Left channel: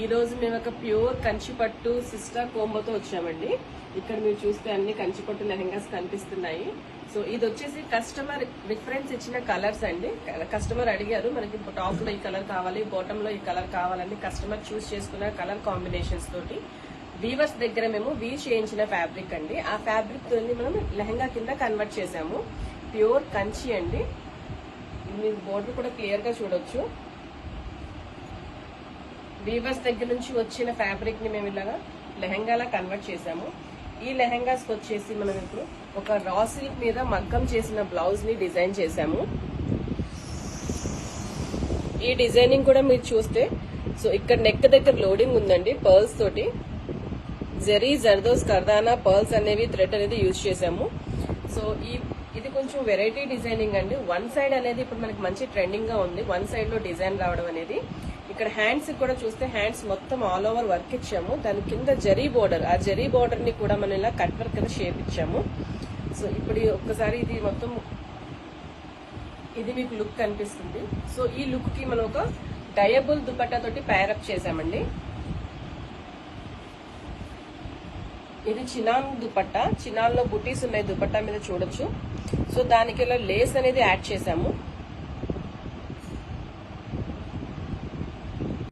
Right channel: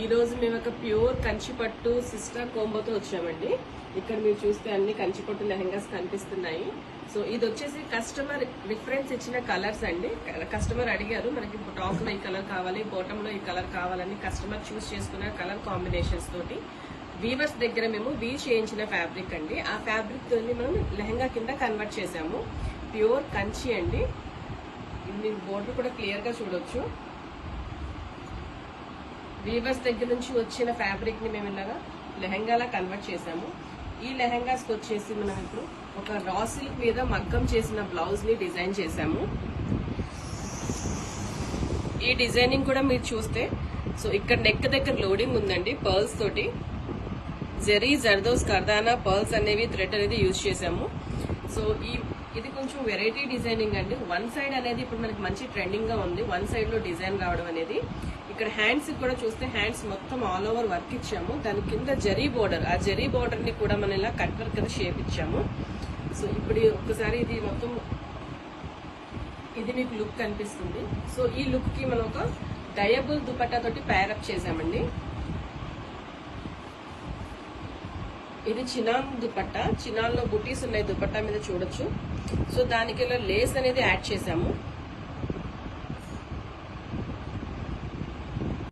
ఈ రోజు మేము ఒక ప్యూర్ కంచిపట్టు సిస్టర్ కోంబోతో వచ్చామండి. ఇక్కడ మీరు చూస్తే అన్ని కంచిపట్టు లెహంగాస్ కనిపిస్తున్నాయి. సో ఇది వచ్చేసి కస్టమర్ రిఫరెన్స్ ఇచ్చిన కలర్స్ అండి. కస్టమర్ అడిగారు మనకి టాప్ లో ఈ కలర్ కావాలి, బాటమ్ లో ఈ కలర్ కావాలని కస్టమర్ చూస్ చేసుకున్న కలర్ కాంబినేషన్స్ తోటి వీవర్స్ దగ్గర మేము వీవ్ చేయించిన ఫ్యాబ్రిక్ అండి. ఆ ఫ్యాబ్రిక్ తోని మనం లెహంగా కింద కన్వర్ట్ చేసాము. ప్యూర్ కంచి అండి. మీరు బోర్డర్ కూడా క్లియర్ గా చూడొచ్చు. వీవర్స్ దగ్గర నుంచి వచ్చిన ఫ్యాబ్రిక్ ని మేము ఇలాగా లెహంగాలా కన్వర్ట్ చేసాము. ఈ లెహంగాస్ వచ్చేసి మనం ఇప్పుడు ఒక రా సిల్క్ మీద మగ్గం చేసిన బ్లౌజ్ ని డిజైన్ చేసాము. ఈ డిజైనింగ్ కూడా మీరు చూస్తే సో ఇక్కడ నెక్ దగ్గర లోడింగ్ ఉందండి పర్ల్స్ తోటి. జెరీ జర్దోస్ కర్దానా పర్ల్స్ అనేవి థ్రెడ్ అనేది యూజ్ చేసాము. సో ఇది కొంచెం వెరైటీ డిజైనింగ్ అండి. వన్ సైడ్ అనేది ఇప్పుడు మనకి మంచి ట్రెండింగ్ గా ఉంది. వన్ సైడ్ లో డిజైన్ రావడం అనేది. ఇక్కడ హ్యాండ్స్ కూడా చూస్తే హ్యాండ్స్ మొత్తం ఆల్ ఓవర్ వర్క్ ఇచ్చాము. దాని కింద జరీ బోర్డర్, ఆ జరీ బోర్డర్ ని కూడా మనం ఇలా కట్ వర్క్ కింద షేప్ ఇచ్చాము. సో ఇప్పుడు ఒక్కసారి ఇది మొత్తం ఇది మీకు లుక్ కనిపిస్తుంది. సో ఈ లుక్ కి మనం ఒక డయబుల్ దుపట్టా తోటి ప్యారప్ చేసామండి. ఇది చినాన్ దుపట్టా, చినాన్ లో బుటీస్ ఉన్నాయి దుపట్టా మీద చూడొచ్చు. సో దానికి ఇలా లేస్ అనేది యాడ్ చేసాము.